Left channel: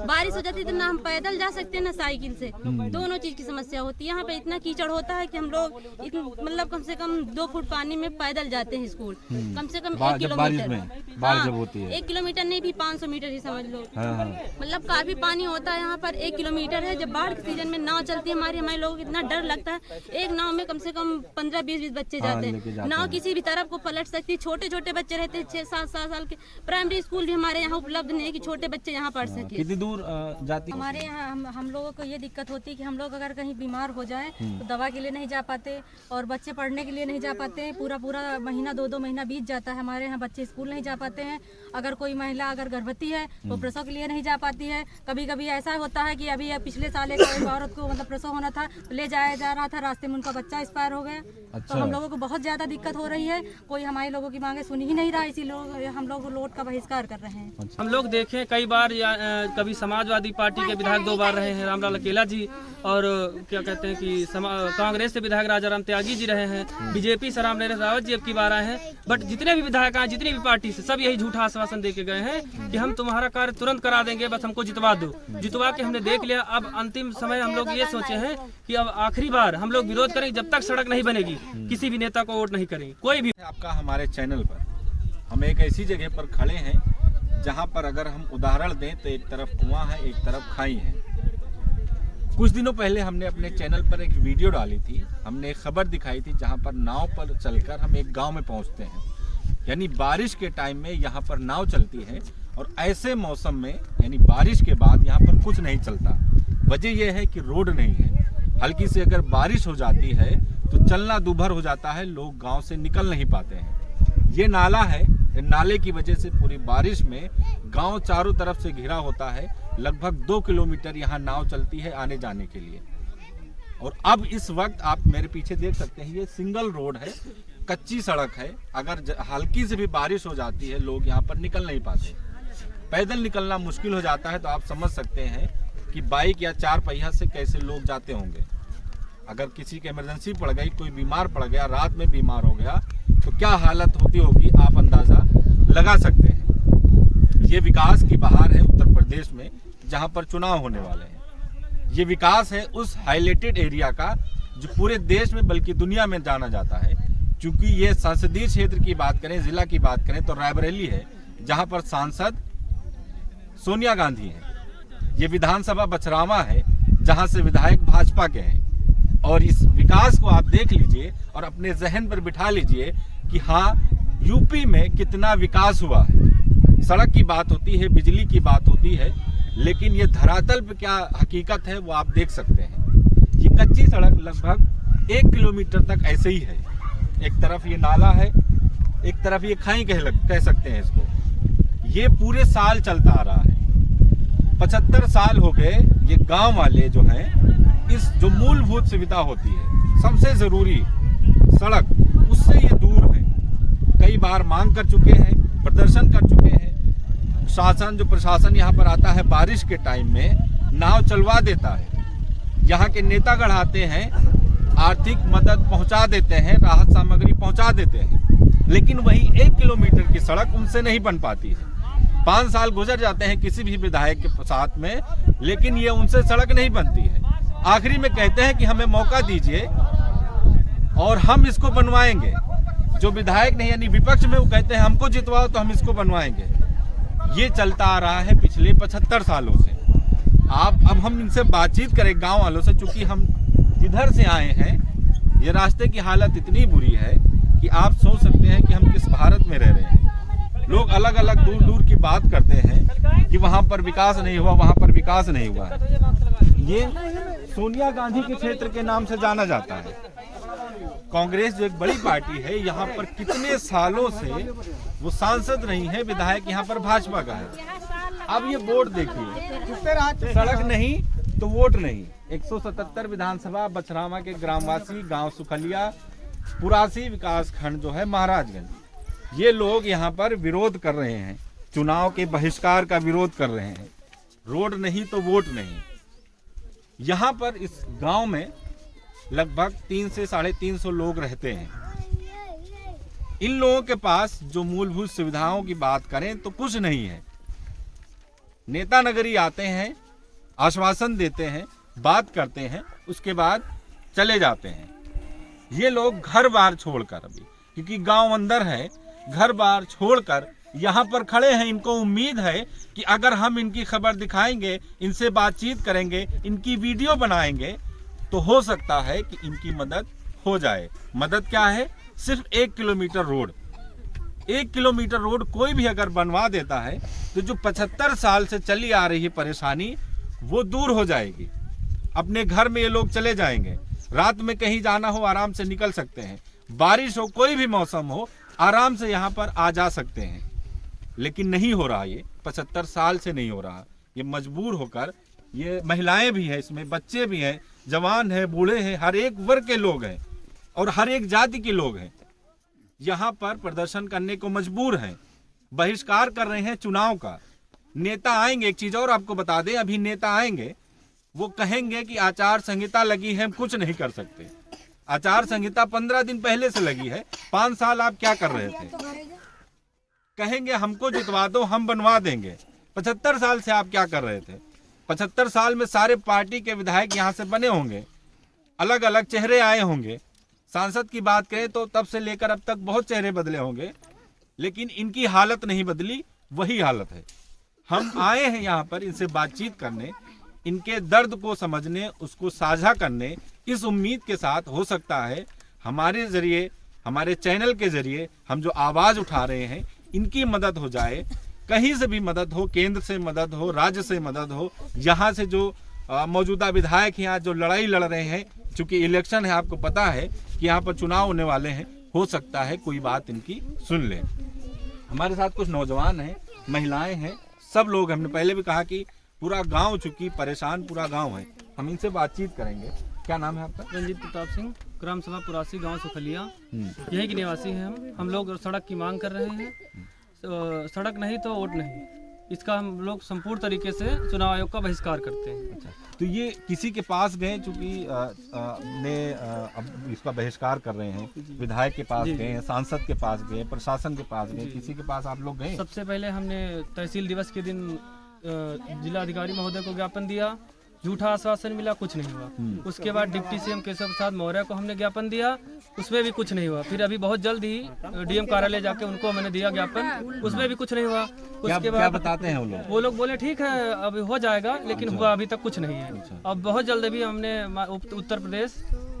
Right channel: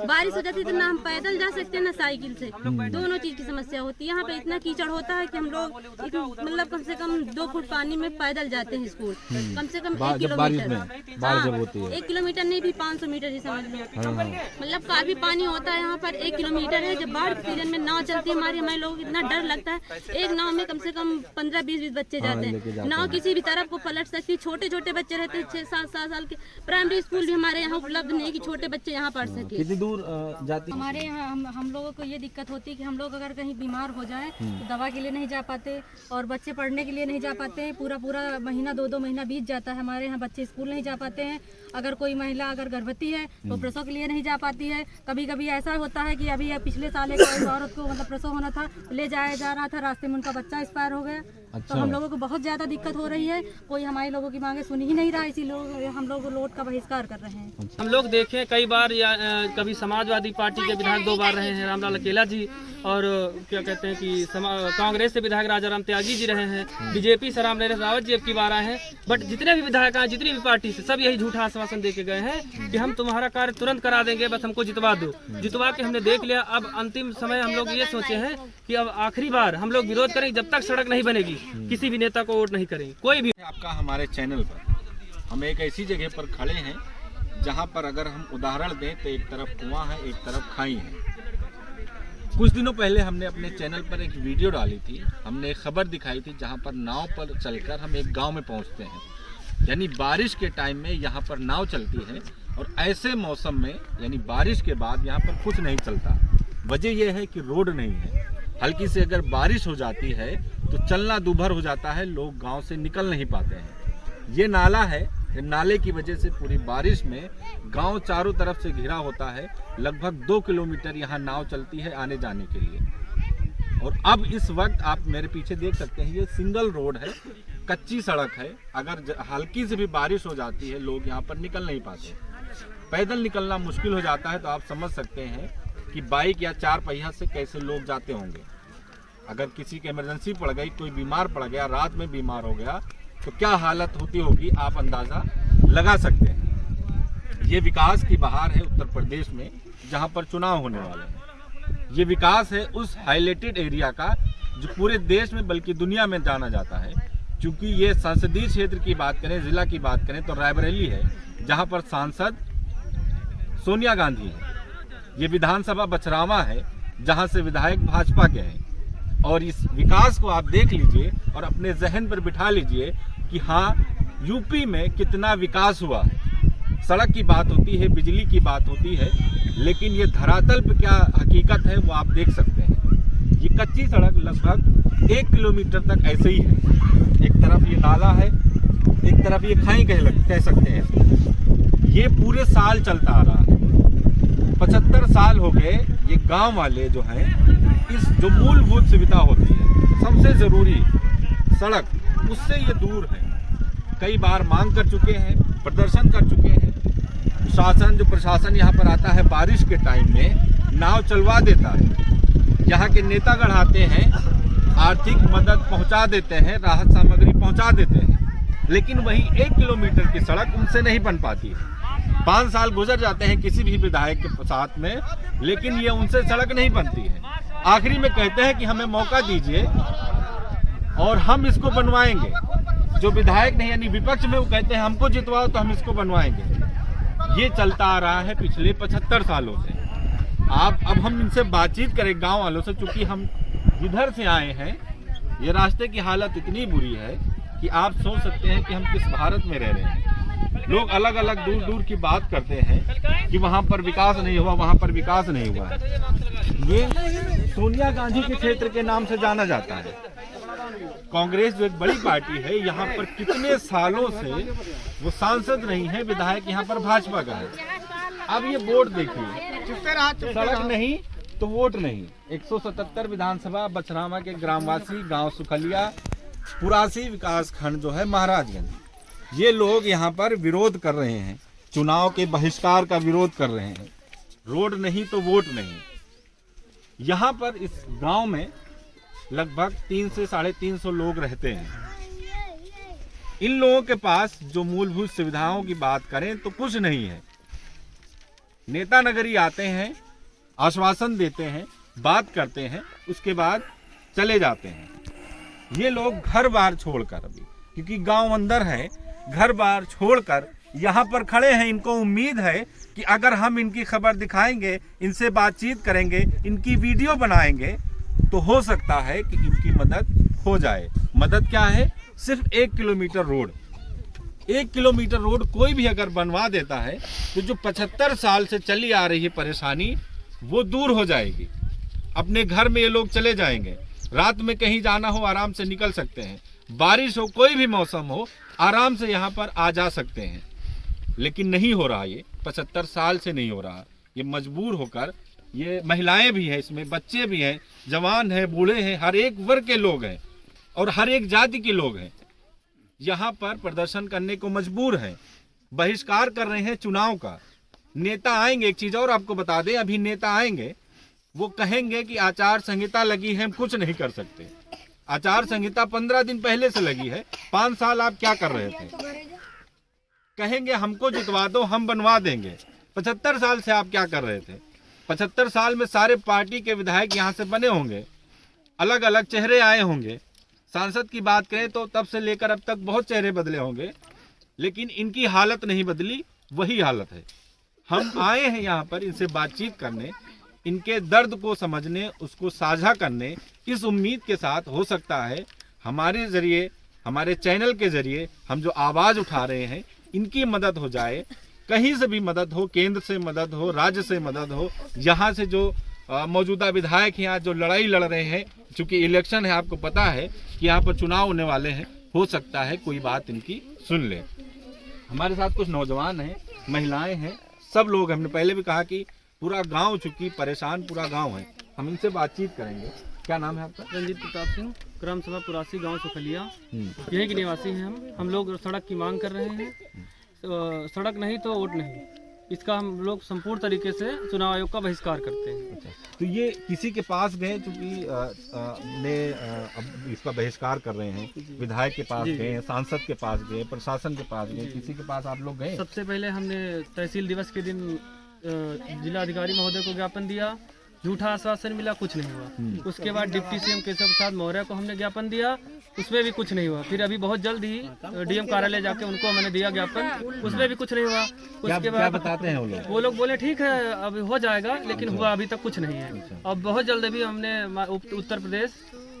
बारिश हो जाती है तो ना हम पैदल जा सकते हैं ना साइकिल से, दोनों चीज की समस्या होती है। यहाँ पे इतना कीचड़ होता है कि हम लोग मतलब कम से कम 2 फुट पानी में पैदल जाते हैं स्कूल, कम से कम 1 किलोमीटर। बारिश जब होती है 1 किलोमीटर नहीं भी 500 मीटर ही समझ लो। मतलब काफी पानी होता है यहाँ पर। 1 किलोमीटर है। जब बाढ़ के सीजन में नाव चलती है हमारे लोगों को इतना डर लगता है। एक नाव में कम से कम 15-20 बच्चे जाते हैं। नाव किसी भी तरफ को पलट सकती है। छोटे छोटे बच्चे रहते हैं 6-7 साल के। प्राइमरी स्कूल भी हमारे यहाँ उपलब्ध नहीं है कि छोटे बच्चे यहाँ पढ़ सके। कितनी दूर जाती है? हमारे यहाँ हम लोगों को ये दिक्कत होती है कि हम लोग अगर कहीं बीमार हो जाए तो दवा के लिए नहीं जा पाते और बच्चे पढ़ने के लिए नहीं जा पाते। पूरा महीना 2-2 महीना बीत जाता है। हमारे यहाँ बच्चे स्कूल नहीं जा पाते हैं। अगर कोई महिला अगर गर्भवती है तो प्रसव के लिए नहीं जा पाती है। कभी कभी ऐसा होता है कि अभी पिछले साल एक औरत को मतलब प्रसव होना था, ले जाया जा रहा था, रास्ते में उनका बच्चा एक्सपायर हो गया। तो हम लोगों को बहुत ज्यादा दिक्कत हो रही है। कोई हमारे लोगों की मांगे सुन ही नहीं रहा, इसी लोग हम लोग लोट का बहिष्कार कर रहे हैं। हम लोग देखें कई बार कभी समाजवादी पार्टी के विधायक 2 बार रहे हैं, रामलाल अकेला जी, और क्या कहते हैं कि कांग्रेस से विधायक राजाराम त्यागी जी रहे हैं, बीजेपी से रामनिवास रावत जी अब की बार आए हैं। बट जितने भी विधायक आए, जितनी भी पार्टी से, सब यही झूठा आश्वासन दे के गए हैं कि हम तुम्हारा कार्य तुरंत करा देंगे, बस हमको जितवा दो। जितवा के हमने देख लिया। अब अंतिम समय हम लोग ये सोचे हैं कि अब आखिरी बार हम लोग विरोध करेंगे। जब तक सड़क नहीं बनेगी किसी भी नेता को वोट नहीं करेंगे। कोई भी आपका हमारे चैनल पर हम एक ऐसी जगह पर खड़े हैं जहां पर अगर हम उदाहरण दें तो एक तरफ कुआं है, एक तरफ खाई है। कुछ दिनों पहले हमने अपने चैनल पर एक वीडियो डाली थी। हमने एक खबर दिखाई थी जहां पर नाव पर चलकर हम एक गांव में पहुंचते हैं। यानी बारिश के टाइम में यहाँ पर नाव चलती है और ऐसे मौसम में यानी बारिश के बाद यहाँ पर कुछ नहीं चलता। वजह यह है कि रोड नहीं है। हल्की से अगर बारिश हो जाती है तो चलना दूभर हो जाता है, लोग गांव से निकल नहीं पाते हैं। ये नाला है, नाले की वजह से पूरी बारिश में गांव चारों तरफ से घिरा होता है। लगभग 2 किलोमीटर यहाँ नाव चलती है आने जाने के लिए। और अब इस वक्त आप मेरे पीछे देख सकते हैं, ये सिंगल रोड है, कच्ची सड़क है। अगर हल्की से भी बारिश हो जाती है लोग यहाँ पर निकल नहीं पाते। पैदल निकलना मुश्किल हो जाता है। तो आप समझ सकते हैं कि बाइक या 4 पहिया से कैसे लोग जाते होंगे। अगर किसी की इमरजेंसी पड़ गई, कोई बीमार पड़ गया, रात में बीमार हो गया, तो क्या हालत होती होगी आप अंदाजा लगा सकते हैं। ये विकास की बहार है उत्तर प्रदेश में, जहां पर चुनाव होने वाले हैं। ये विकास है उस हाईलाइटेड एरिया का जो पूरे देश में बल्कि दुनिया में जाना जाता है। क्योंकि ये संसदीय क्षेत्र की बात करें, जिला की बात करें तो रायबरेली है, जहां पर सांसद सोनिया गांधी है। ये विधानसभा बछरावा है, जहां से विधायक भाजपा के हैं। और इस विकास को आप देख लीजिए और अपने जहन पर बिठा लीजिए कि हाँ, यूपी में कितना विकास हुआ है। सड़क की बात होती है, बिजली की बात होती है, लेकिन ये धरातल पे क्या हकीकत है वो आप देख सकते हैं। ये कच्ची सड़क लगभग 1 किलोमीटर तक ऐसे ही है। एक तरफ ये नाला है, एक तरफ ये खाई कह सकते हैं इसको। ये पूरे साल चलता आ रहा है। 75 साल हो गए। ये गांव वाले जो हैं, इस जो मूलभूत सुविधा होती है, सबसे जरूरी सड़क, उससे ये दूर है। कई बार मांग कर चुके हैं, प्रदर्शन कर चुके हैं। प्रशासन यहाँ पर आता है बारिश के टाइम में, नाव चलवा देता है। यहाँ के नेता गढ़ाते हैं, आर्थिक मदद पहुँचा देते हैं, राहत सामग्री पहुँचा देते हैं, लेकिन वही 1 किलोमीटर की सड़क उनसे नहीं बन पाती है। 5 साल गुजर जाते हैं किसी भी विधायक के साथ में, लेकिन ये उनसे सड़क नहीं बनती है। आखिरी में कहते हैं कि हमें मौका दीजिए और हम इसको बनवाएंगे। जो विधायक नहीं यानी विपक्ष में, वो कहते हैं हमको जितवाओ तो हम इसको बनवाएंगे। ये चलता आ रहा है पिछले 75 सालों से। अब हम इनसे बातचीत करें गांव वालों से, चूंकि हम जिधर से आए हैं, ये रास्ते की हालत इतनी बुरी है कि आप सोच सकते हैं कि हम किस भारत में रह रहे हैं। लोग अलग अलग दूर दूर की बात करते हैं कि वहाँ पर विकास नहीं हुआ, वहाँ पर विकास नहीं हुआ है। ये सोनिया गांधी के क्षेत्र के नाम से जाना जाता है। कांग्रेस जो एक बड़ी पार्टी है, यहाँ पर कितने सालों से वो सांसद नहीं है, विधायक यहाँ पर भाजपा का है। अब ये वोट देखिए, सड़क नहीं तो वोट नहीं। 177 विधानसभा बछरावा के ग्रामवासी, गांव सुखलिया, पुरासी विकास खंड जो है महाराजगंज, ये लोग यहाँ पर विरोध कर रहे हैं, चुनाव के बहिष्कार का विरोध कर रहे हैं। रोड नहीं तो वोट नहीं। यहाँ पर इस गांव में लगभग 300 से 350 लोग रहते हैं। इन लोगों के पास जो मूलभूत सुविधाओं की बात करें तो कुछ नहीं है। नेता नगरी आते हैं, आश्वासन देते हैं, बात करते हैं, उसके बाद चले जाते हैं। ये लोग घर बार छोड़कर, अभी क्योंकि गांव अंदर है, घर बार छोड़कर यहाँ पर खड़े हैं। इनको उम्मीद है कि अगर हम इनकी खबर दिखाएंगे, इनसे बातचीत करेंगे, इनकी वीडियो बनाएंगे, तो हो सकता है कि इनकी मदद हो जाए। मदद क्या है? सिर्फ 1 किलोमीटर रोड। 1 किलोमीटर रोड कोई भी अगर बनवा देता है तो जो 75 साल से चली आ रही है परेशानी, वो दूर हो जाएगी। अपने घर में ये लोग चले जाएंगे। रात में कहीं जाना हो आराम से निकल सकते हैं, बारिश हो, कोई भी मौसम हो, आराम से यहाँ पर आ जा सकते हैं। लेकिन नहीं हो रहा, ये 75 साल से नहीं हो रहा। ये मजबूर होकर, ये महिलाएं भी हैं इसमें, बच्चे भी हैं, जवान हैं, बूढ़े हैं, हर एक वर्ग के लोग हैं और हर एक जाति के लोग हैं, यहाँ पर प्रदर्शन करने को मजबूर हैं, बहिष्कार कर रहे हैं चुनाव का। नेता आएंगे, एक चीज और आपको बता दें, अभी नेता आएंगे, वो कहेंगे कि आचार संहिता लगी है, हम कुछ नहीं कर सकते। आचार संहिता 15 दिन पहले से लगी है, 5 साल आप क्या कर रहे थे? कहेंगे हमको जितवा दो, हम बनवा देंगे। 75 साल से आप क्या कर रहे थे? 75 साल में सारे पार्टी के विधायक यहाँ से बने होंगे, अलग अलग चेहरे आए होंगे। सांसद की बात करें तो तब से लेकर अब तक बहुत चेहरे बदले होंगे, लेकिन इनकी हालत नहीं बदली, वही हालत है। हम आए हैं यहाँ पर इनसे बातचीत करने, इनके दर्द को समझने, उसको साझा करने, इस उम्मीद के साथ हो सकता है हमारे जरिए, हमारे चैनल के जरिए हम जो आवाज़ उठा रहे हैं, इनकी मदद हो जाए। कहीं से भी मदद हो, केंद्र से मदद हो, राज्य से मदद हो, यहाँ से जो मौजूदा विधायक यहाँ जो लड़ाई लड़ रहे हैं, चूंकि इलेक्शन है, आपको पता है कि यहाँ पर चुनाव होने वाले हैं, हो सकता है कोई बात इनकी सुन ले। हमारे साथ कुछ नौजवान हैं, महिलाएं हैं, सब लोग। हमने पहले भी कहा कि पूरा गांव, चूंकि परेशान पूरा गांव है, हम इनसे बातचीत करेंगे। क्या नाम है आपका? रंजीत प्रताप सिंह, ग्राम सभा पुरासी, गांव सुखलिया, यहीं के निवासी हैं हम लोग सड़क की मांग कर रहे हैं। तो सड़क नहीं तो वोट नहीं, इसका हम लोग संपूर्ण तरीके से चुनाव आयोग का बहिष्कार करते हैं। अच्छा, तो ये किसी के पास गए, चूंकि अब इसका बहिष्कार कर रहे हैं, विधायक के पास गए हैं, सांसद के पास गए, प्रशासन के पास गए, किसी के पास आप लोग गए? सबसे पहले हमने तहसील दिवस के दिन जिलाधिकारी महोदय को ज्ञापन दिया, झूठा आश्वासन मिला, कुछ नहीं हुआ। उसके बाद डिप्टी सीएम केशव प्रसाद मौर्य को हमने ज्ञापन दिया, उसमें भी कुछ नहीं हुआ। फिर अभी बहुत जल्द ही डीएम कार्यालय जाके उनको मैंने दिया ज्ञापन, उसमें भी कुछ नहीं हुआ। उसके बाद क्या बताते हैं वो लोग बोले ठीक है अभी हो जाएगा, लेकिन हुआ अभी तक कुछ नहीं है। अब बहुत जल्द भी हमने उत्तर प्रदेश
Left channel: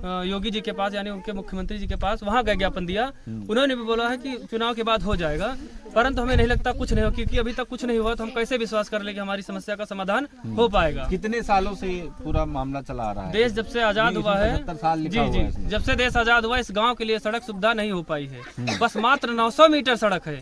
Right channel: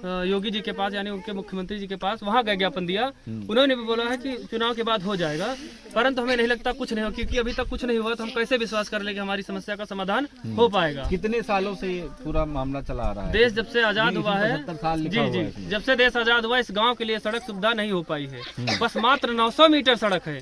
योगी जी के पास, यानी उनके मुख्यमंत्री जी के पास, वहाँ का ज्ञापन दिया। उन्होंने भी बोला है कि चुनाव के बाद हो जाएगा, परंतु हमें नहीं लगता कुछ नहीं हो, क्योंकि अभी तक कुछ नहीं हुआ तो हम कैसे विश्वास कर ले कि हमारी समस्या का समाधान हो पाएगा। कितने सालों से पूरा मामला चला आ रहा है? देश जब से आजाद हुआ है, 75 साल लिखा जी हुआ जी, है। जब से देश आजाद हुआ, इस गांव के लिए सड़क सुविधा नहीं हो पाई है। बस मात्र 900 मीटर सड़क है।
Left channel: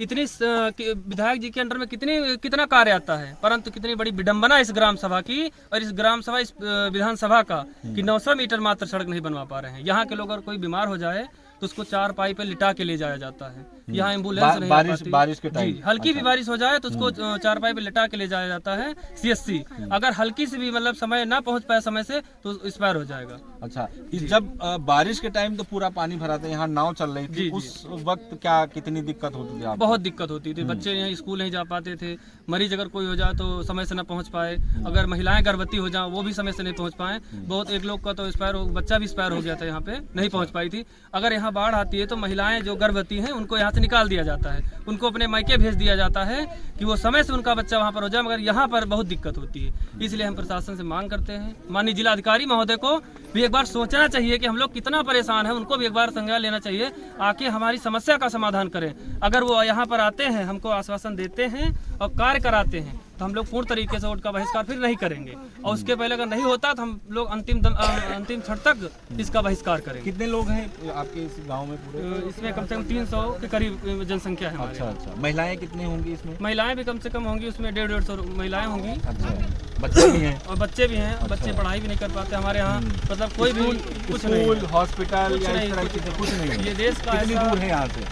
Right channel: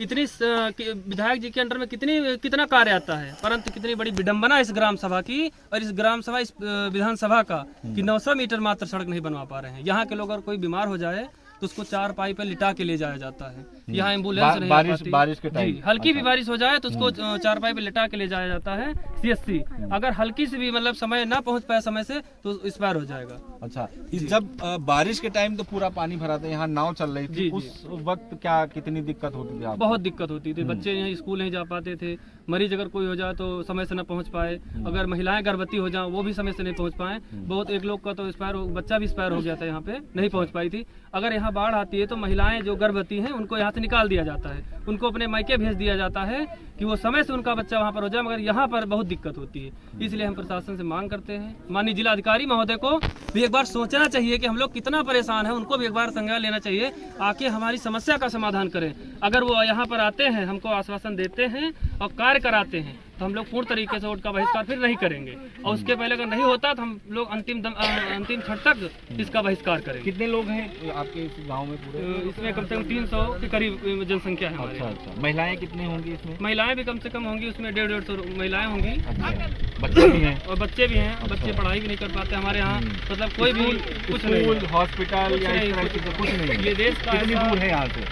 इतनी विधायक जी के अंडर में कितना कार्य आता है, परंतु कितनी बड़ी विडंबना इस ग्राम सभा की और इस ग्राम सभा, इस विधानसभा का, कि 900 मीटर मात्र सड़क नहीं बनवा पा रहे हैं। यहाँ के लोग अगर कोई बीमार हो जाए तो उसको 4 पाई पे लिटा के ले जाया जाता है। यहाँ एम्बुलेंस नहीं आती। बारिश के टाइम हल्की भी बारिश हो जाए तो उसको 4 पाई पे लिटा के ले जाया जाता है CSC। अगर हल्की से भी मतलब समय ना पहुँच पाए समय से तो एक्सपायर हो जाएगा। अच्छा, जब बारिश के टाइम तो पूरा पानी भरा था, यहाँ नाव चल रही थी, उस वक्त क्या कितनी दिक्कत होती थी आपको? बहुत दिक्कत होती थी। बच्चे यहाँ स्कूल नहीं जा पाते थे, मरीज अगर कोई हो जाए तो समय से न पहुँच पाए, अगर महिलाएं गर्भवती हो जाए वो भी समय से नहीं पहुँच पाए। बहुत एक लोग का तो बच्चा भी एक्सपायर हो गया था, यहाँ पे नहीं पहुँच पाई थी। अगर यहाँ बाढ़ आती है तो महिलाएं जो गर्भवती हैं उनको यहाँ से निकाल दिया जाता है, उनको अपने मायके भेज दिया जाता है कि वो समय से उनका बच्चा वहाँ पर हो जाए, मगर यहाँ पर बहुत दिक्कत होती है। इसलिए हम प्रशासन से मांग करते हैं, माननीय जिलाधिकारी महोदय को भी एक बार सोचना चाहिए कि हम लोग कितना परेशान हैं, उनको भी एक बार संज्ञान लेना चाहिए, आके हमारी समस्या का समाधान करें। अगर वो यहाँ पर आते हैं, हमको आश्वासन देते हैं और कार्य कराते हैं, तो हम लोग पूर्ण तरीके से वोट का बहिष्कार फिर नहीं करेंगे, और उसके पहले अगर नहीं होता तो हम लोग अंतिम क्षण तक इसका बहिष्कार करेंगे। कितने लोग हैं आपके इस गांव में पूरे? इसमें कम से कम 300 के करीब जनसंख्या है। अच्छा, महिलाएं कितनी होंगी इसमें? महिलाएं भी कम से कम होंगी, उसमें 150-150 महिलाएं होंगी। अच्छा, बच्चे भी हैं और बच्चे भी हैं। बच्चे पढ़ाई भी नहीं कर पाते हमारे यहाँ, मतलब कोई भी कुछ नहीं स्कूल है। हॉस्पिटल कुछ या नहीं, इस तरह की चीजें कुछ नहीं है। ये देश का कितनी ऐसा- दूर है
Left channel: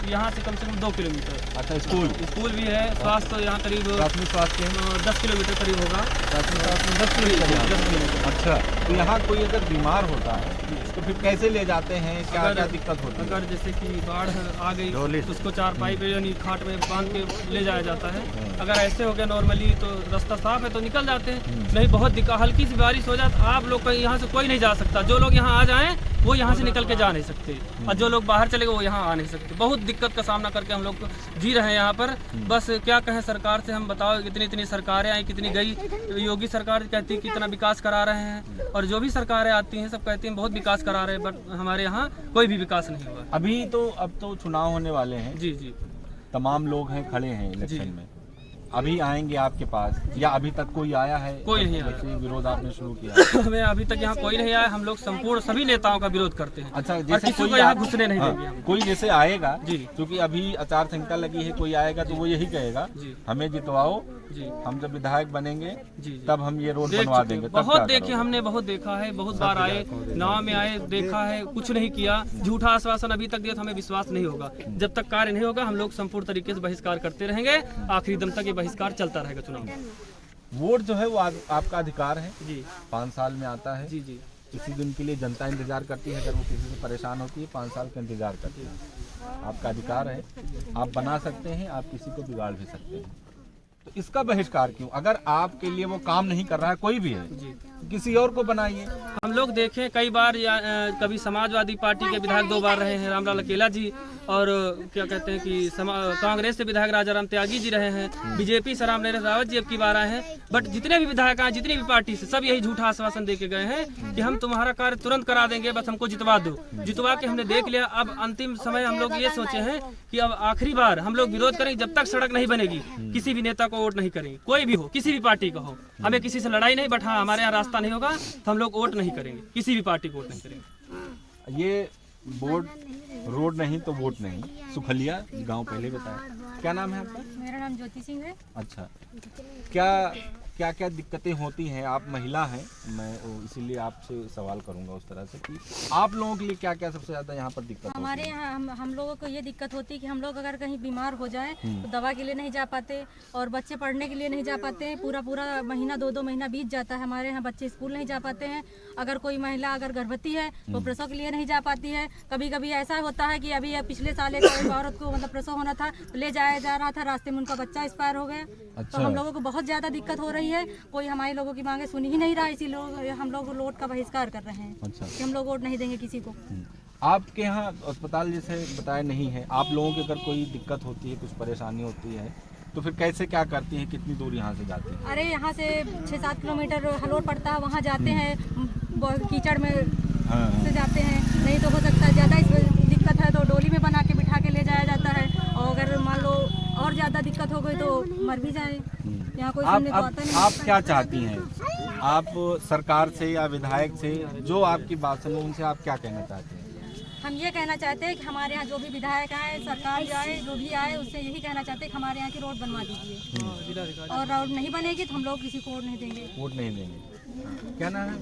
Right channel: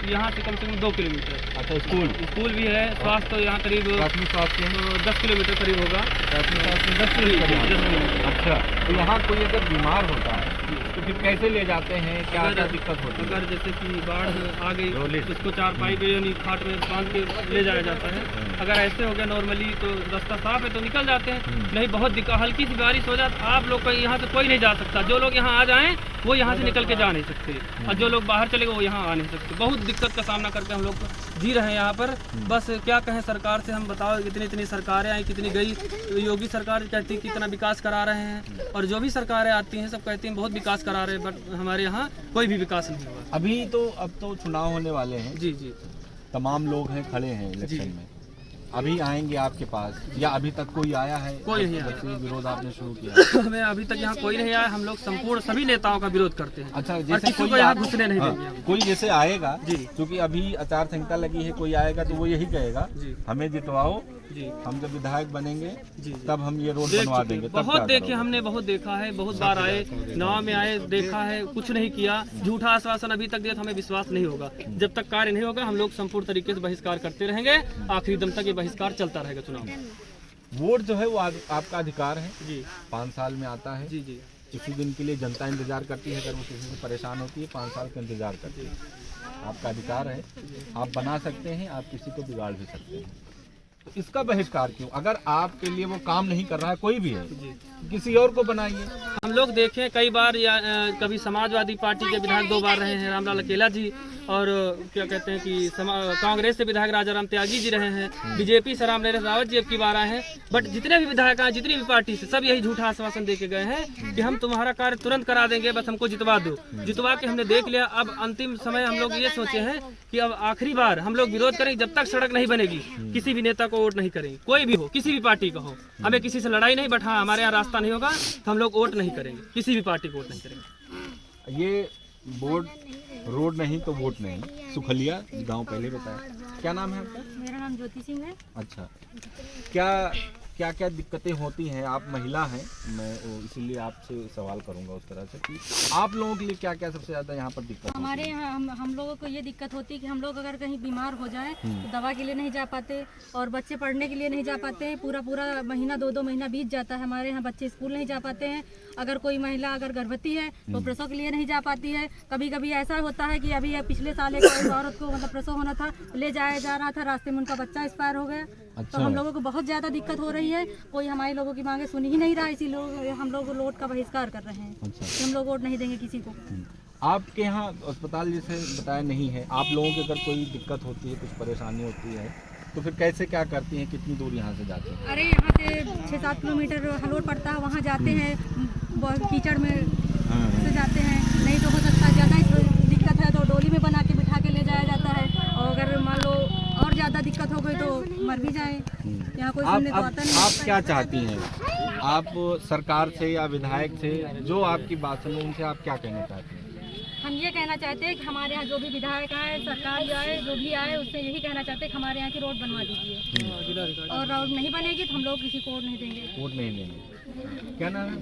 यहाँ से कम 2 किलोमीटर। अच्छा स्कूल भी है। स्वास्थ्य तो यहाँ करीब प्राथमिक स्वास्थ्य केंद्र 10 किलोमीटर करीब होगा। प्राथमिक स्वास्थ्य 10 किलोमीटर यहाँ 10 से। किलोमीटर। अच्छा, तो यहाँ कोई अगर बीमार होता है तो फिर कैसे ले जाते हैं, क्या अगर- क्या दिक्कत होती है? अगर जैसे कि बाढ़ आ गई डोली। उसको 4 पे यानी खाट में बांध के ले जाया जाता है। अगर ऐसे हो गया नॉर्मली तो रास्ता साफ है तो निकल जाते हैं, नहीं बहुत दिक्कत, हल्की सी बारिश हो जाए आप लोग का यहाँ से कोई नहीं जा सकता। जो लोग यहाँ आ जाएं वो यहाँ से निकल के जा नहीं सकते, और जो लोग बाहर चले गए वो यहाँ आ नहीं सकते। बहुत दिक्कत का सामना करके हम लोग जी रहे हैं यहाँ पर। बस क्या कहें सरकार से, हम बताओ इतनी सरकारें आई, कितनी गई। योगी सरकार कहती है कितना विकास करा रहे हैं, और जो भी सरकारें आती हैं सब कहती हैं बहुत विकास करा रहे हैं, बट हमारे यहाँ कोई भी विकास नहीं हुआ। अभी तो अब तो चुनाव होने वाले हैं, जी जी तमाम लोग हैं खड़े हैं इलेक्शन जी। में, अभी आएंगे आपके पास या अभी तक कोई आया है? कोई नहीं आया। जब से विरोध आपने शुरू किया हमें अभी तक यहाँ कोई नहीं आया। हम लोग संपूर्ण सभी नेताओं का विरोध करते हैं। अच्छा, और जैसे किसी कोई को यहाँ आप- घुसने नहीं हाँ, देंगे हम। कोई जैसे आएगा जी। क्योंकि अभी आचार संहिता लगी है, कोई आएगा तो वो यही कहेगा जी हमें जितवाओ, जी हम जब विधायक बनेंगे जी तब हम ये रोड देख बनवा चुके देंगे। हैं। तब बहुत क्या देखे करोगे? हमने, बहुत देखा है, बहुत बार आए, नाव में आए, देखा है, कुछ नहीं किया। झूठा आश्वासन अभी तक दिया तो हमें विश्वास नहीं होगा। जब तक कार्य नहीं होगा हम लोग संपूर्ण तरीके से बहिष्कार करते रहेंगे, आखिरी दम तक ये बहिष्कार चलता रहेगा चुनाव में। वोट जो है वो आपका अधिकार है, जी 5 साल में आता है। जी जी उसी दिन के लिए जनता इंतजार करती है, अगर वो किसी से परेशान होती है 5 साल का इंतजार करती है। आपका अधिकार है, आप बना सकते हैं, आप किसी को बिगाड़ भी सकते हैं। तो इसका बहिष्कार क्यों? अगर आपके लिए वो काम नहीं कर रहा है, कोई भी है, जी किसी और को बनाइए। हम लोग देखें कई बार कभी समाजवादी पार्टी के विधायक 2 बार रहे हैं रामलाल अकेला जी, और क्या कहते हैं कि कांग्रेस से विधायक राजाराम त्यागी जी रहे हैं, बीजेपी से रामनरेश रावत जी अब की बार आए हैं। बट जितने भी विधायक आए, जितनी भी पार्टी से, सब यही झूठा आश्वासन दे के गए हैं कि हम तुम्हारा कार्य तुरंत करा देंगे, बस हमको जितवा दो। जितवा के हमने देख लिया। अब अंतिम समय हम लोग ये सोचे हैं कि अब आखिरी बार हम लोग विरोध करेंगे, जब तक सड़क नहीं बनेगी किसी भी नेता को वोट नहीं करेंगे। कोई भी हो, किसी भी पार्टी का हो, हमें किसी से लड़ाई नहीं, बट हाँ हमारे यहाँ रास्ता नहीं होगा तो हम लोग वोट नहीं करेंगे, किसी भी पार्टी को वोट नहीं करेंगे। ये बोर्ड रोड नहीं तो वोट नहीं, सुखलिया गांव पहले बताया। क्या नाम है आपका? मेरा नाम ज्योति सिंह है। अच्छा, क्या क्या दिक्कतें होती हैं? आप महिला हैं, मैं इसीलिए आपसे सवाल करूंगा उस तरह से कि आप लोगों के लिए क्या क्या सबसे ज़्यादा यहाँ पर दिक्कत होती हमारे है? यहाँ हम लोगों को ये दिक्कत होती है कि हम लोग अगर कहीं बीमार हो जाएं तो दवा के लिए नहीं जा पाते, और बच्चे पढ़ने के लिए नहीं जा पाते हैं। पूरा महीना 2 महीना बीत जाता है, हमारे यहाँ बच्चे स्कूल नहीं जा पाते हैं। अगर कोई महिला अगर गर्भवती है तो प्रसव के लिए नहीं जा पाती है। कभी कभी ऐसा होता है कि अभी पिछले साल एक औरत को मतलब प्रसव होना था, ले जाया जा रहा था, रास्ते में उनका बच्चा एक्सपायर हो गया। अच्छा। तो हम लोगों को बहुत ज़्यादा दिक्कत हो रही है, कोई हमारे लोगों की मांगे सुन ही नहीं रहा, इसीलिए हम लोग वोट का बहिष्कार कर रहे हैं अच्छा। कि हम लोग वोट नहीं देंगे किसी को। आपके यहाँ अस्पताल जैसे बताया नहीं है, आप लोगों की अगर कोई दिक्कत होती है, कुछ परेशानी होती है, तो फिर कैसे क्या करती हैं? कितनी दूर यहाँ से जाती हैं? अरे यहाँ से 6-7 किलोमीटर हलोट पड़ता है, वहाँ जाते हैं, कीचड़ में से जाते हैं। नहीं तो हो सकता है ज़्यादा इस दिक्कत है तो डोली में बना के बिठा के ले जाया जाता है, और अगर मान लो और ज़्यादा दिक्कत हो गई तो मर भी जाए। यहाँ कोई सुनने तो आता नहीं। आप क्या चाहती हैं? आप सरकार से या विधायक से जो आपकी बात सुनो, उनसे आप क्या कहना चाहते हैं? हम ये कहना चाहते हैं कि हमारे यहाँ जो भी विधायक आए, सरकार जो आए, जो भी आए, उससे यही कहना चाहते हैं कि हमारे यहाँ की रोड बनवा दीजिए, और रोड नहीं बनेगी तो हम लोग किसी को वोट नहीं देंगे। वोट नहीं देंगे। क्या नाम है?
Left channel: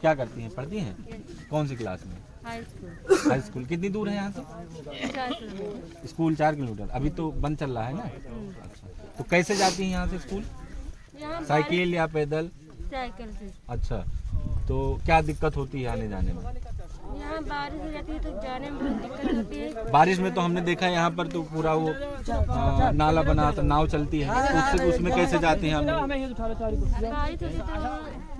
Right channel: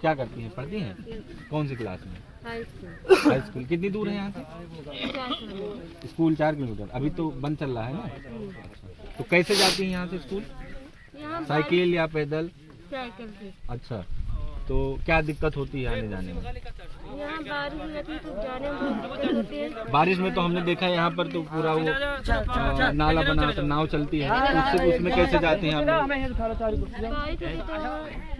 क्या करती हैं? पढ़ती हैं? कौन सी क्लास में? High school. कितनी दूर है यहाँ से? School 4 kilometre. अभी तो बंद चल रहा है ना? अच्छा, तो कैसे जाती हैं यहाँ से स्कूल? साइकिल या पैदल? साइकिल से। अच्छा, तो क्या दिक्कत होती है आने जाने में? यहाँ बारिश रहती है तो जाने में बहुत दिक्कत होती है। बारिश में तो हमने देखा है यहाँ पर तो पूरा वो नाला बना, तो नाव चलती है, तो उसमें कैसे जाते हैं आप लोग? बारिश होती तो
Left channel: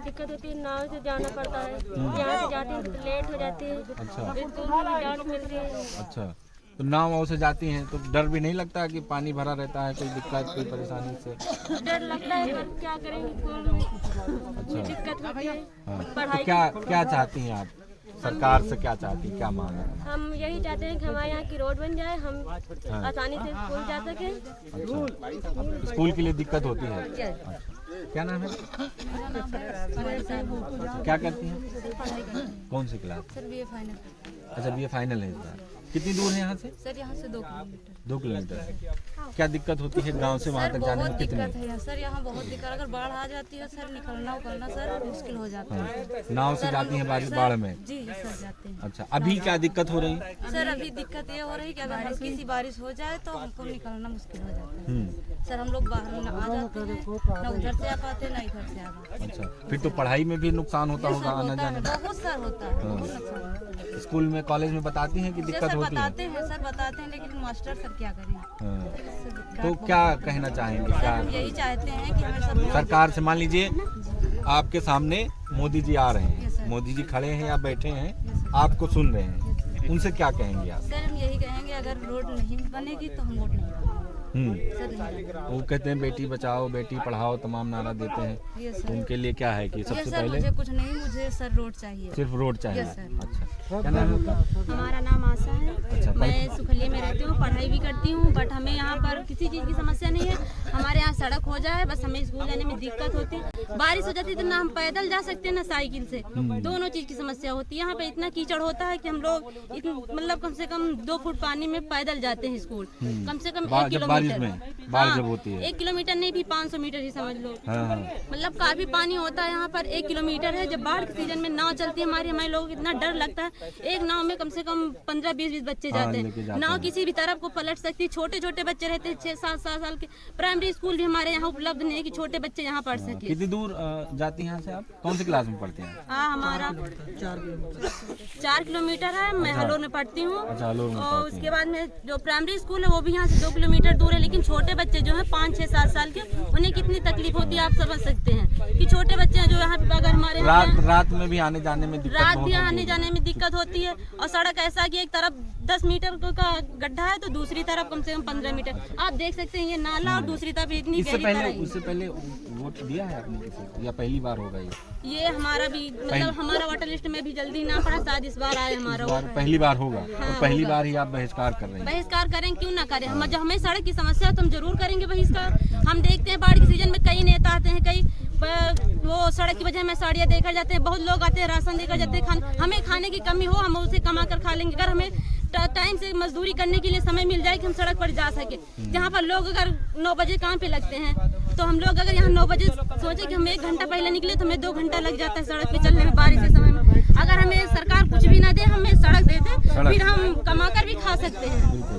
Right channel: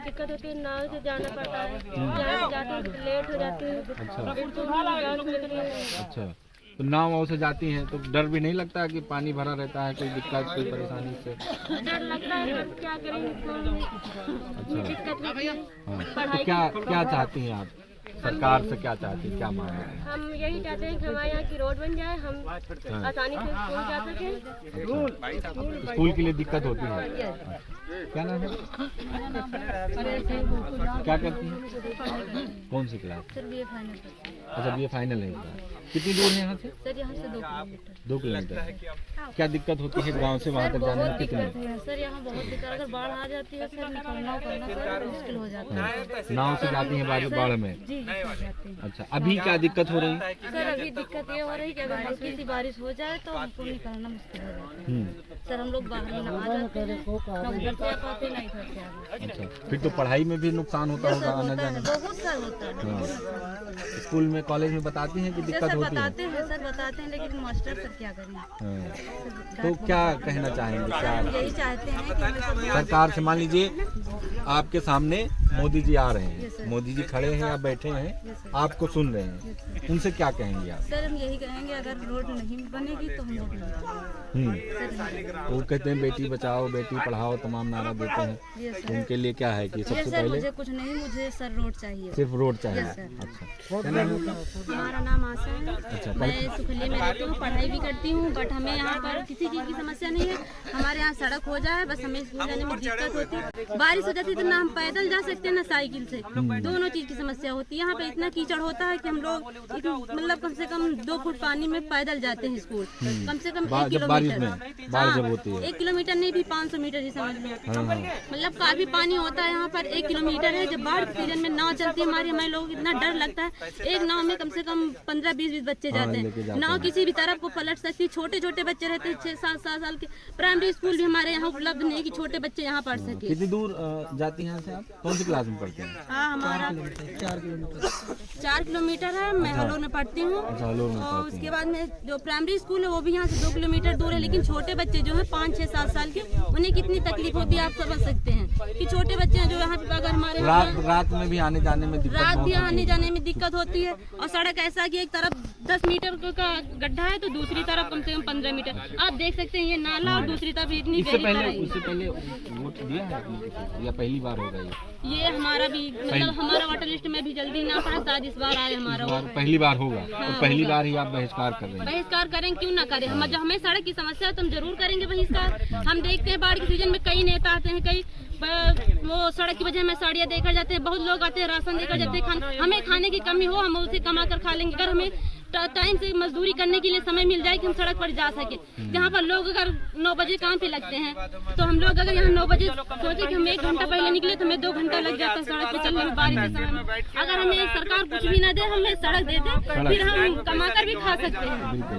दिक्कत होती है, नाव से जाना पड़ता है। यहाँ से जाते हैं तो लेट हो जाती है। अच्छा बस मिलती है। अच्छा, तो नाव वाव से जाती हैं तो डर भी नहीं लगता कि पानी भरा रहता है, कोई दिक्कत कोई परेशानी से? डर लगता है पर क्या करेंगे, अच्छा, दिक्कत होती है। हाँ, तो क्या चाहती हैं आप? सरकार से क्या चाहती हैं, क्या मांग है? हम यही चाहते हैं कि हमारे यहाँ की रोड बन जाए, हम आसानी से स्कूल जा सकें। अच्छा, स्कूल के लिए दिक्कत होती है? अच्छा। क्या नाम है? क्या करती हैं? कौन सी क्लास? सर ये फाइनल अच्छा BA फाइनल है इस बार। कितनी दूर है यहाँ से? सर यहाँ से 2 किलोमीटर 2 किलोमीटर से। क्या दिक्कत होती है गांव से वहाँ तक जाने में? कितनी? है सर, यहाँ बहुत दिक्कत, अगर बाढ़ आ जाती है सर, निकलना उकलना सर मुश्किल हो जाता है। नाव से जाती हैं बाढ़ में? जी सर जाते हैं। अच्छा, अभी क्या दिक्कत हो रही? सर अभी दिक्कत ये हो रही कि अगर हल्की सी बारिश हो जाए तो हमको निकलना मुश्किल हो जाता है। सर हम लोग बाहर में आ जाते हैं, ना उधर से आ पाते ना इधर से आ पाते। अच्छा, फिर तो पढ़ाई में भी नुकसान होता होगा आना जाने में? बहुत सर होता है, बहुत नुकसान होता है। स्कूल में कॉलेज में बताती हैं कि दिक्कत सर होती है? बताते हैं सर, बताते हैं, लेकिन मास्टर सर क्या करें। हाँ। तो क्या कहना चाहेंगे? क्या हम यही चाहते हैं कि हमें सब सरकार से, मान लीजिए आपके सामने मोदी जी आ रहे हैं, मोदी जी खड़े हैं या बैठे हैं, आपको सुन रहे हैं, उनसे क्या कहेंगे आप? सर हम यही कहेंगे, अगर रोड नहीं बनेगी तो हम वोट नहीं देंगे। वो कहते हैं बेटी बचाओ बेटी पढ़ाओ तमाम नारा देते हैं, ये तो सर, उनके लिए क्या है कि ये सबसे सर पहले मुझे कुछ नहीं, मुझे सर रोड चाहिए। सिर्फ रोड चाहिए? Yes sir. अच्छा, क्या नाम है आपका? हमारा नाम आशा है। अच्छा, मैं सुखलिया में रहती हूँ, पढ़ाई भी करती हूँ, बट हमें यहाँ पर किसी चीज़ की समस्या नहीं है। हमारे यहाँ सड़क हो जाए बस, हमें स्कूल जाने में दिक्कत होती है। बारिश हो जाती है तो ना हम पैदल जा सकते हैं ना साइकिल से, दोनों चीज़ की समस्या होती है। यहाँ पे इतना कीचड़ होता है कि हम लोग मतलब कम से कम 2 फुट पानी में पैदल जाते हैं स्कूल, कम से कम 1 जब बारिश किलोमीटर। में बाढ़ जब होती है 1 किलोमीटर नहीं भी 500 मीटर ही समझ लो। हाँ। मतलब काफी पानी होता है यहाँ पर, 1 किलोमीटर है। जब बाढ़ के सीजन में नाव चलती है हमारे लोगों को इतना डर लगता है। एक नाव में कम से कम 15-20 बच्चे जाते हैं। नाव किसी भी तरफ को पलट सकती है। छोटे छोटे बच्चे रहते हैं, 6-7 साल के। प्राइमरी स्कूल भी हमारे यहाँ उपलब्ध नहीं है कि छोटे बच्चे यहाँ पढ़ सके। कितनी दूर जाती हैं यहाँ से आप? कौन सी क्लास में पढ़ते हैं? हाँ हमारा 4 किलोमीटर है। मैं हलोर में पढ़ती हूँ। अच्छा, हलोर में और पढ़ती हैं। उसके बाद में जो प्राइमरी स्कूल है वो भी यहाँ से 2 किलोमीटर दूर है। लेकिन छोटे बच्चे जो है 5-6-7 साल के, उन्हें कितनी तकलीफ होती है आप समझ सकते हैं कि छोटे बच्चे हैं जो यहाँ पे अगर हमारे रात में भी आने जाने में दिक्कत रात बहुत भी होती आने है। जाने में दिक्कत होती है। और सड़क ऐसा कि एक तरफ 10 मीटर का गड्ढा है तो दूसरी तरफ कम से कम 15 मीटर। आप देख सकते हैं ये नाला, और दूसरी तरफ इतनी इससे गहरी तराई। उससे पहले वोट दिया है आपने किसी को या पहली बार होगा ये हमारा भी मतलब हमारा वोटर लिस्ट में भी जल्दी ना पड़ा, शायद इस बार आए हमारा। पहली बार होगा और पहली बार ही आप बहिष्कार कर रहे हैं? बहिष्कार करें, क्यों ना करें। हम जब हमें सड़क की समस्या है तो हम जरूर करेंगे बहिष्कार। हम देखते हैं बाढ़ के सीजन में कई नेता आते हैं, कई वो सड़क की वजह में साड़ियाँ देकर जाते हैं, बहुत लोग आते हैं राशन देकर जाते हैं। हमें खाने की कमी हो हम उसे कमा कर खा लेंगे। अगर हमें टाइम से मजदूरी करने के लिए समय मिल जाए कि हम सड़क पर जा सके। जहाँ पर लोग अगर 9 बजे काम पे लगते हैं तो हम लोग अगर यहाँ 9 बजे सोचे कि हम 1 घंटा पहले निकले तो हमें 2 घंटा लग जाता है सड़क पर चलने में बारिश के समय में। अगर हमें सरकार कुछ भी ना दे, हमें सड़क दे दे, फिर हम कमा कर भी खा सकते हैं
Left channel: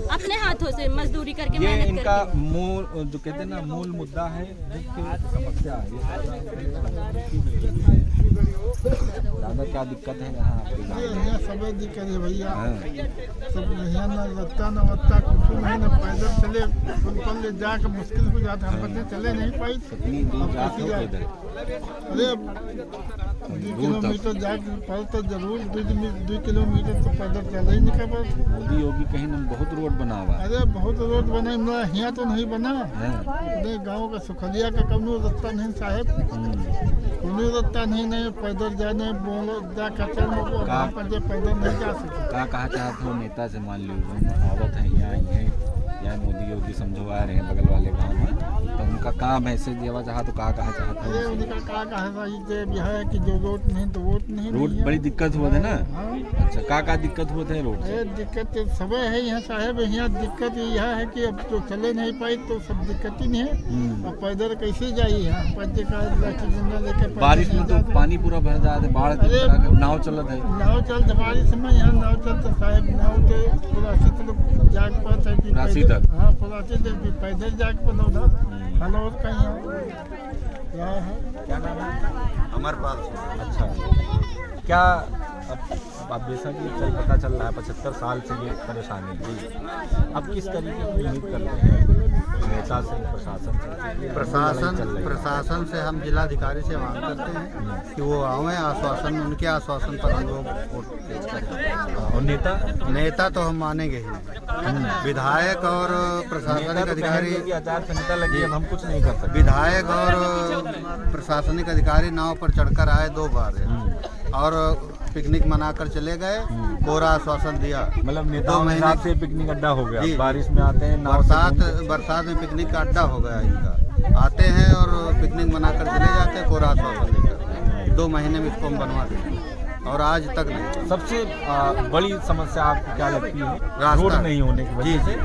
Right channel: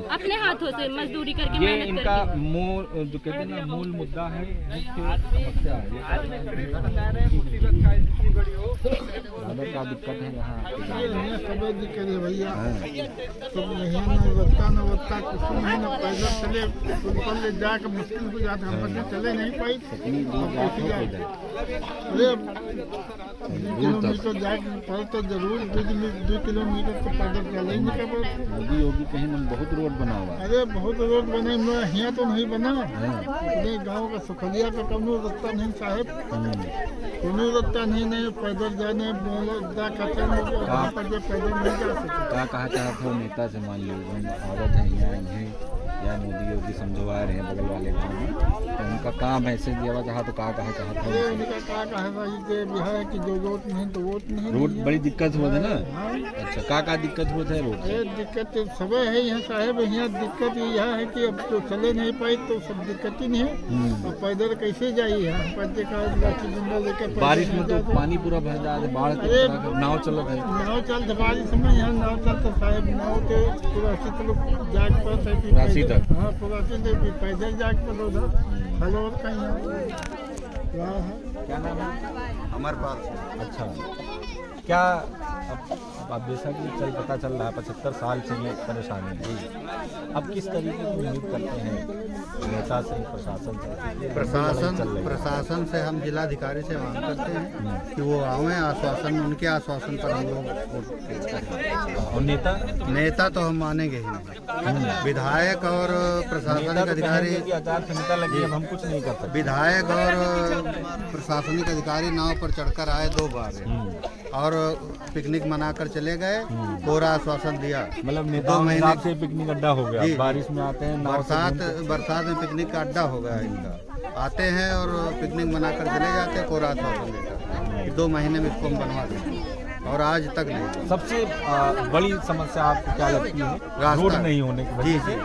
अपने हाथों से मजदूरी करके, ये मेहनत इनका करके। मूल जो कहते हैं ना मूल मुद्दा है, मुख्य समस्या है। ज़्यादा क्या दिक्कत है यहाँ आपके गाँव में? यहाँ सब दिक्कत है भैया। हाँ। सब यहाँ न बत्ता कुछ नहीं, न पैदल चले फुटबॉल ले जाकर मुश्किल हो जाता है। हम चले नहीं पाई। कितनी दूर जाते हो पैदल? अरे 2 किलोमीटर जाकर पड़ तो जरूर 2 किलोमीटर तो पैदल चले ही नहीं कर। मोदी योगी कहीं ना बहुत रोड बना हुआ है। अरे बहुत रोड बने, यहाँ तो नहीं बना। हैं? अपने गाँव का सुखलिया का कौनो रास्ता नहीं साहब, कोनो रास्ता नहीं पैदल जाने पैदल नहीं जा सकते। कहा चाहते हो नेता से, मान लीजिए आवत है यहाँ या मोदी योगी समझो आ रहे हैं बगल वाले गांव में, तो उनका काम ऐसे देवा चाहा तो कहा चाहता अरे हूँ? उनका क्या है भाई कि है कि जो रोड नहीं तो वोट नहीं। रोड बड़ी दिक्कत हुआ था ना? हाँ। अच्छा, का दिक्कत हुआ था रोड से? अरे दिक्कत तो सब है यहाँ साहब। यहाँ दिक्कत यह है कि अब तो चले नहीं पाई तो सब दिक्कत ही नहीं है। अब पैदल कैसे जाइए यहाँ पैदल का लाठी डंडा लेके बारिश में तो पानी पूरा भर जाता है, बाढ़ की तरह का नाव चलत है। नाव चल बारिश में यहाँ नाव चलता साहब, नाव के पूरा तक जाग पाता है कि राशि तक? हाँ पूरा पैदल जाग पाता उधर हलोर का यहाँ क्या है। क्या नाम है? अमरपाल सिंह। अच्छा, क्या अब जैसा कि पता चल रहा है 75 साल से ये परेशानी है, अब किस तरीके की उम्मीद करते हैं नेता से, प्रशासन से? प्रशासन से हम जिलाधिकारी से मांग करते हैं कि वो आवें, आश्वासन उनके आश्वासन पर हम लोग वोट करें। और नेता तो हम मानेंगे ही नहीं। विधायक और प्रशासनिक अधिकारी की आचार संहिता लगी, अब हम कुछ नहीं कर सकते। विधायक और प्रशासनिक अधिकारी नाव पर चढ़कर आए 2 बार और पिकनिक मनाकर चले गए, कोरा आश्वासन दिया। मतलब नेताओं में रात से पिकनिक अड्डा हो गया, बारिश में आते हैं, बरसात में पिकनिक का अड्डा हो गया इनका। आते हैं और पिकनिक मनाकर चले जाते हैं कोरा आश्वासन देकर 2 महीने में इसको हम बनवा देंगे, और आज तक नहीं। सबसे बड़ी समस्या आपको क्या लगती है? रास्ता रोड नहीं होने की वजह से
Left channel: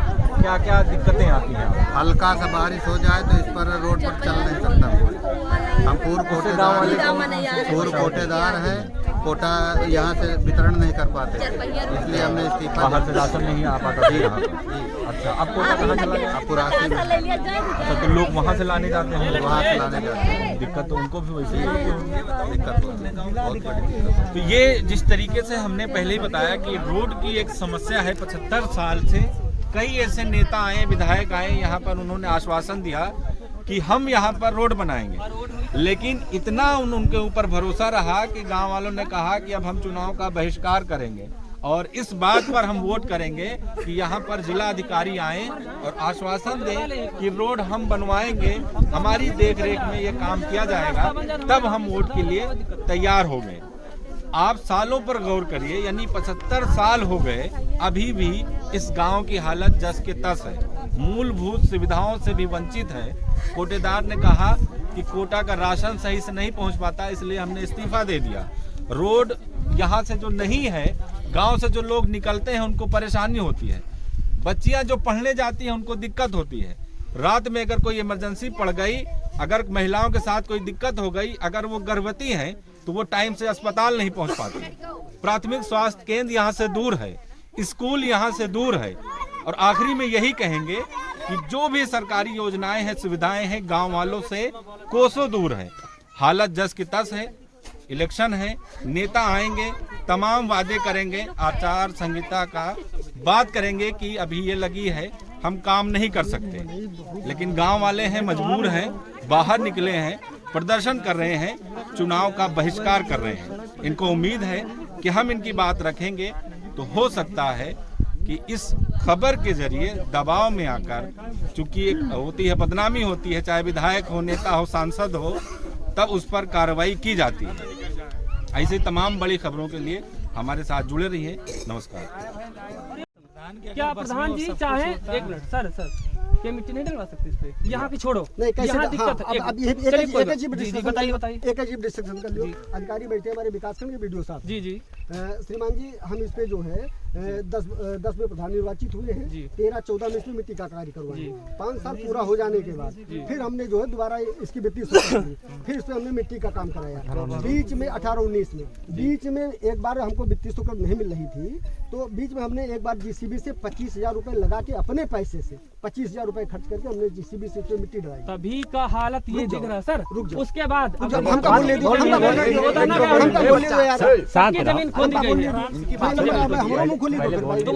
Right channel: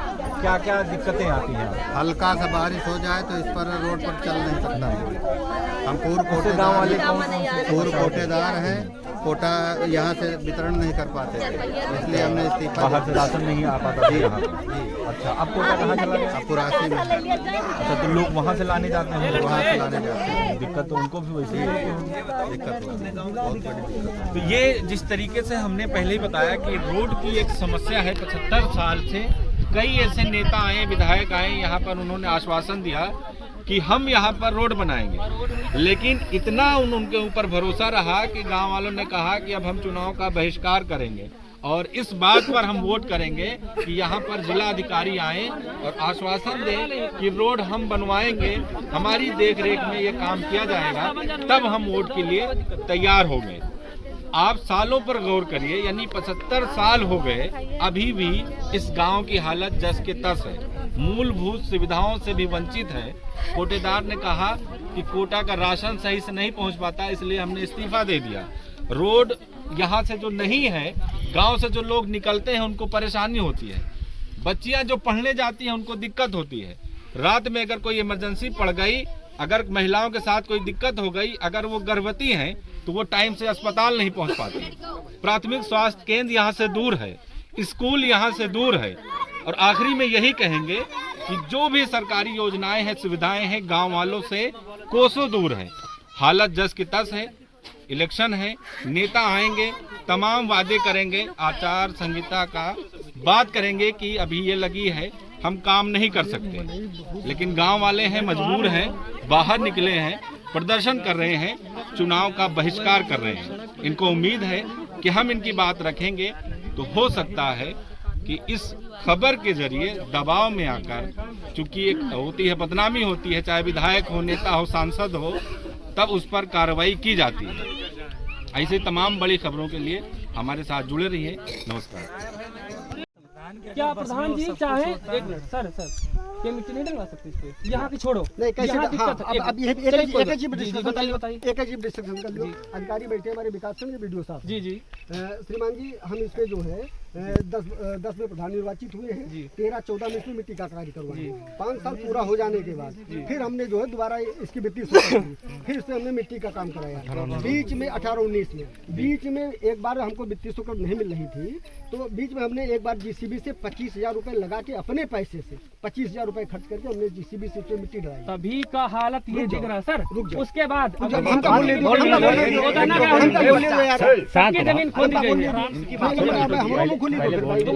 क्या क्या दिक्कतें आती हैं आपको? हल्का सा बारिश हो जाए तो इस पर रोड पर चल नहीं सकता कोई। हम पूर्व कोटेदार कोटेदार हैं, कोटा यहाँ से वितरण नहीं कर पाते थे, इसलिए हमने इस्तीफा बाहर से राशन नहीं आ पाता था यहाँ पर। जी। अच्छा, अब कोटा कहाँ चला गया? अब पुरासी में है। अच्छा, तो लोग वहाँ से लाने जाते होंगे? वहाँ से लाने जाते हैं, दिक्कत तो उनको भी वैसे ही होती होगी। दिक्कत होती है, बहुत बड़ी दिक्कत होती तो ये जिस तरीके से हमने पहले ही बताया कि रोड की एक समस्या है 75 साल से। कई ऐसे नेता आए, विधायक आए यहाँ पर, उन्होंने आश्वासन दिया कि हम यहाँ पर रोड बनाएंगे, लेकिन इतना उनके ऊपर भरोसा रहा कि गांव वालों ने कहा कि अब हम चुनाव का बहिष्कार करेंगे और इस बात पर हम वोट करेंगे कि यहाँ पर जिला अधिकारी आए और आश्वासन दें कि रोड हम बनवाएंगे, हमारी देखरेख में ये काम किया जाएगा, तब हम वोट के लिए तैयार हो गए। आप सालों पर गौर करिए, यानी 75 साल हो गए, अभी भी इस गांव की हालत जस के तस है, मूलभूत सुविधाओं से भी वंचित है। कोटेदार ने कहा कि कोटा का राशन सही से नहीं पहुंच पाता, इसलिए हमने इस्तीफा दे दिया। रोड यहाँ से जो नहीं है, गांव से जो लोग निकलते हैं उनको परेशानी होती है, बच्चियां जो पढ़ने जाती हैं उनको दिक्कत होती है, रात में अगर कोई इमरजेंसी पड़ गई, अगर महिलाओं के साथ कोई दिक्कत हो गई, अगर वो गर्भवती हैं तो वो टाइम से अस्पताल नहीं पहुंच पाती, प्राथमिक स्वास्थ्य केंद्र यहाँ से दूर है, स्कूल यहाँ से दूर है। और आखिरी में यही कहेंगे कि जो भी सरकारी योजनाएं हैं, सुविधाएं हैं, गांव वालों से कोसों दूर है। हालत जस की तस है, इलेक्शन है, नेता आएंगे, तमाम वादे करेंगे, आचार संहिता का बात करेंगे कि अभी ये लगी है, हम काम नहीं कर सकते, लेकिन गांव वाले हैं, मजबूर हैं, बाहर निकले हैं, प्रदर्शन कर रहे हैं, चुनाव का बहिष्कार कर रहे हैं। इनको उम्मीद है कि हम इनकी बात रखेंगे तो हो सकता है कि इस खबर के जरिए दबाव में आकर, चूंकि एक होती है बदनामी होती है, चाहे विधायक हो, नेता हो, सांसद हो, तब उस पर कार्रवाई की जाती है। ऐसे तमाम बड़ी खबरों के लिए हमारे साथ जुड़े रहिए। नमस्कार। क्या प्रधान जी चाहे, एक मिनट सर, ये मिट्टी नहीं डलवा सकते इस पे, यहाँ की छोड़ो, यहाँ दिक्कत है। जी बताइए। एक अजीब डिस्ट्रिक्शन का अधिकारी बैठे हैं हमारे विकास खंड के वीडियो साहब। जी श्रीमान जी, हम इस पे जो है 10 में प्रधान निर्वाचित हुए हैं, 13-14 में इसमें मिट्टी का कार्य करवाए, 5 साल पूरा हो जाने के बाद फिर हमने जो है दोबारा इसकी वित्तीय स्वीकृति, फिर इसमें हमने मिट्टी का काम कराया। बीच में 18-19 में बीच में एक बार हमको वित्तीय स्वीकृति नहीं मिल रही थी, तो बीच में हमने एक बार जीसीबी से 25,000 रुपए लगा के, अपने पैसे से 25,000 रुपए खर्च करके हमने जीसीबी से मिट्टी डलाई। तभी का हालत ये दिख रहा है सर। उसके बाद जमीन खोदी गई है। तुम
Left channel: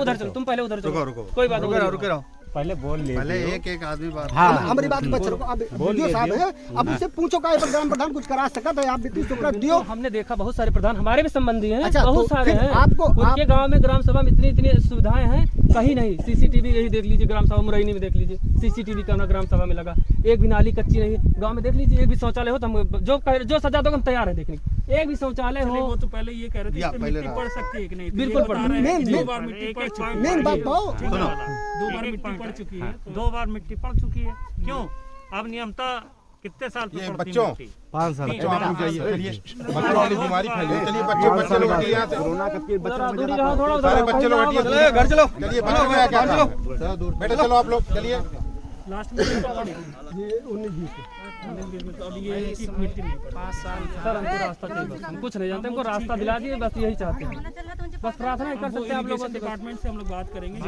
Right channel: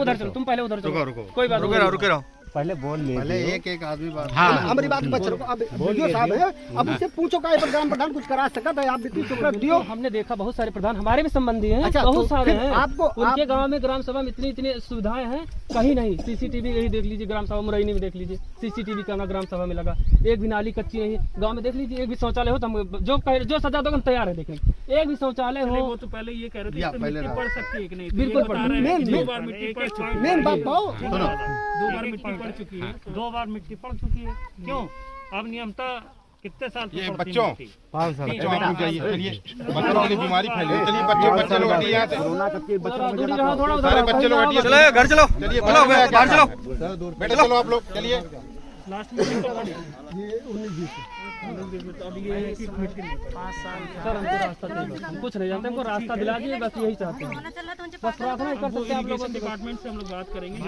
उधर चलो, तुम पहले उधर चलो, कोई बात नहीं, पहले बोल ले, पहले एक आदमी बात। हमारी बात बच्चों को अब वीडियो साहब है, अब उससे पूछो का ग्राम प्रधान कुछ करा सकता था, आप वित्तीय स्वीकृति दियो। हमने देखा बहुत सारे प्रधान हमारे भी संबंधी हैं, अच्छा, बहुत तो सारे हैं, उनके गांव में ग्राम सभा में इतनी सुविधाएं हैं, कहीं नहीं। सीसीटीवी यही देख लीजिए, ग्राम सभा मुरैनी में देख लीजिए, सीसीटीवी कैमरा ग्राम सभा में लगा, एक भी नाली कच्ची नहीं है। गाँव में देख लीजिए, एक भी शौचालय हो तो हम जो सजा दो हम तैयार है देखने, एक भी शौचालय हो। वो तो पहले ये कह रहे थे मिट्टी पड़ सकती है कि नहीं, बिल्कुल पड़ सकती है। 2 बार मिट्टी पड़ चुकी है, मेन बात तो 2 बार मिट्टी पड़ चुकी है, 2 बार मिट्टी पड़ चुकी है। क्यों? अब नियमतः कितने साल पे पड़ती है मिट्टी? 5 साल। बच्चों वाली बीमारी फैली, चलिए बच्चे लोग कोरोना कब के थोड़ा बच्चे लोग चलो घर चलो, चलिए बेटे चलो आप लोग, चलिए लास्ट में ये 19-20 अब ये है कि मिट्टी नहीं पड़ी। 5 साल सर हमको रास्ता चाहिए, बस हम कुछ नहीं जानते, हमको रास्ता दिला दिए, बस यही चाहते हैं, बस प्रार्थना ही कर सकते हैं आप लोगों से। डिपार्टमेंट से हम लोग बात करेंगे।